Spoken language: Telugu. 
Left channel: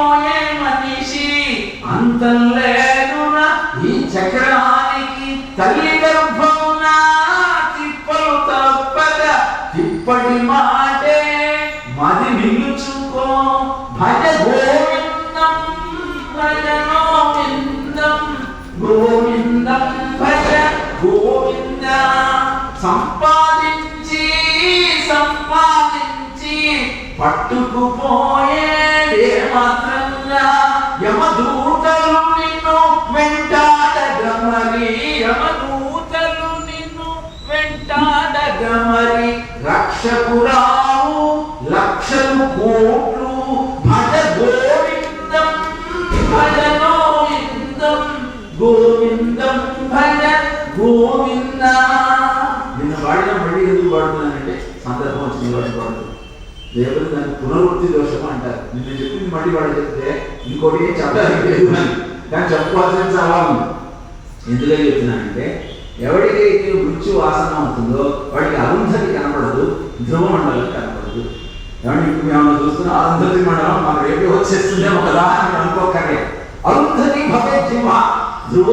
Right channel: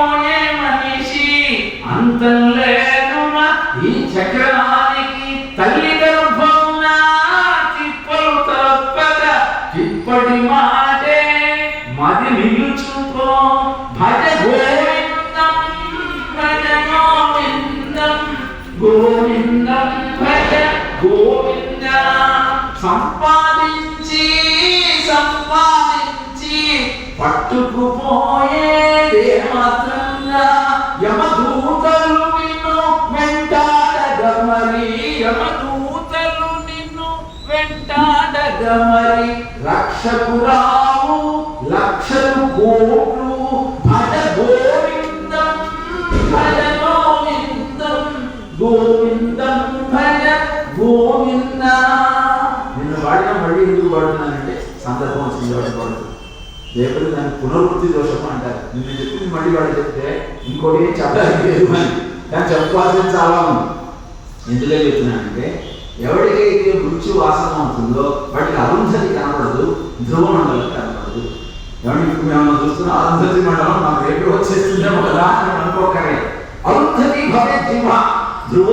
నీలోనే మనిషి అంతం లేదురా ఈ చక్రానికి తల్లి గర్భం తిప్పలు తప్పక తిప్పటి మాటే మది నిలుచుకో. భజ గోవిందం భజ గోవిందం గోవిందం భజ గోవింద సంపాదించి సంపాదించి పట్టుకుపోయే మాత్రంగా యమదూతలు నిన్ను వెంటాడగమరి. యమదూతలు నిన్ను వెంటాడగమరి. మరి లక్షలు కోట్లు భజ గోవిందం భజ గోవిందం గోవిందం భజ గోవింద నిన్న వాడిన మళ్ళీ ఎందుకు వాడుతున్నానంటే సందర్భం వచ్చింది పడుతుంది దేవుడు దాన్ని పునరుద్ధి దోషం అంటారు. నిన్ను చెప్పింది మళ్ళీ వాడు చెప్తే ఇంకోటి ఏం చెప్పడానికి లేదు అని కానీ చెప్పాల్సిన చాలా ఉంది. ఎందుకని చెప్తున్నానంటే ఎవరికైతే మృత్యు వాసన ఉంటుందో వాడికి అరుంధతి కనపడదు ధ్రువ మండలం కనపడదు. ఏమంటే ఇప్పుడు మేము చూస్తున్న అరుంధతి మండలం నాకు రేపు వచ్చేస్తుందేమో కదా అని అనుకోకర్లేదు అరుంధతి భవే ధ్రువ ధ్రువ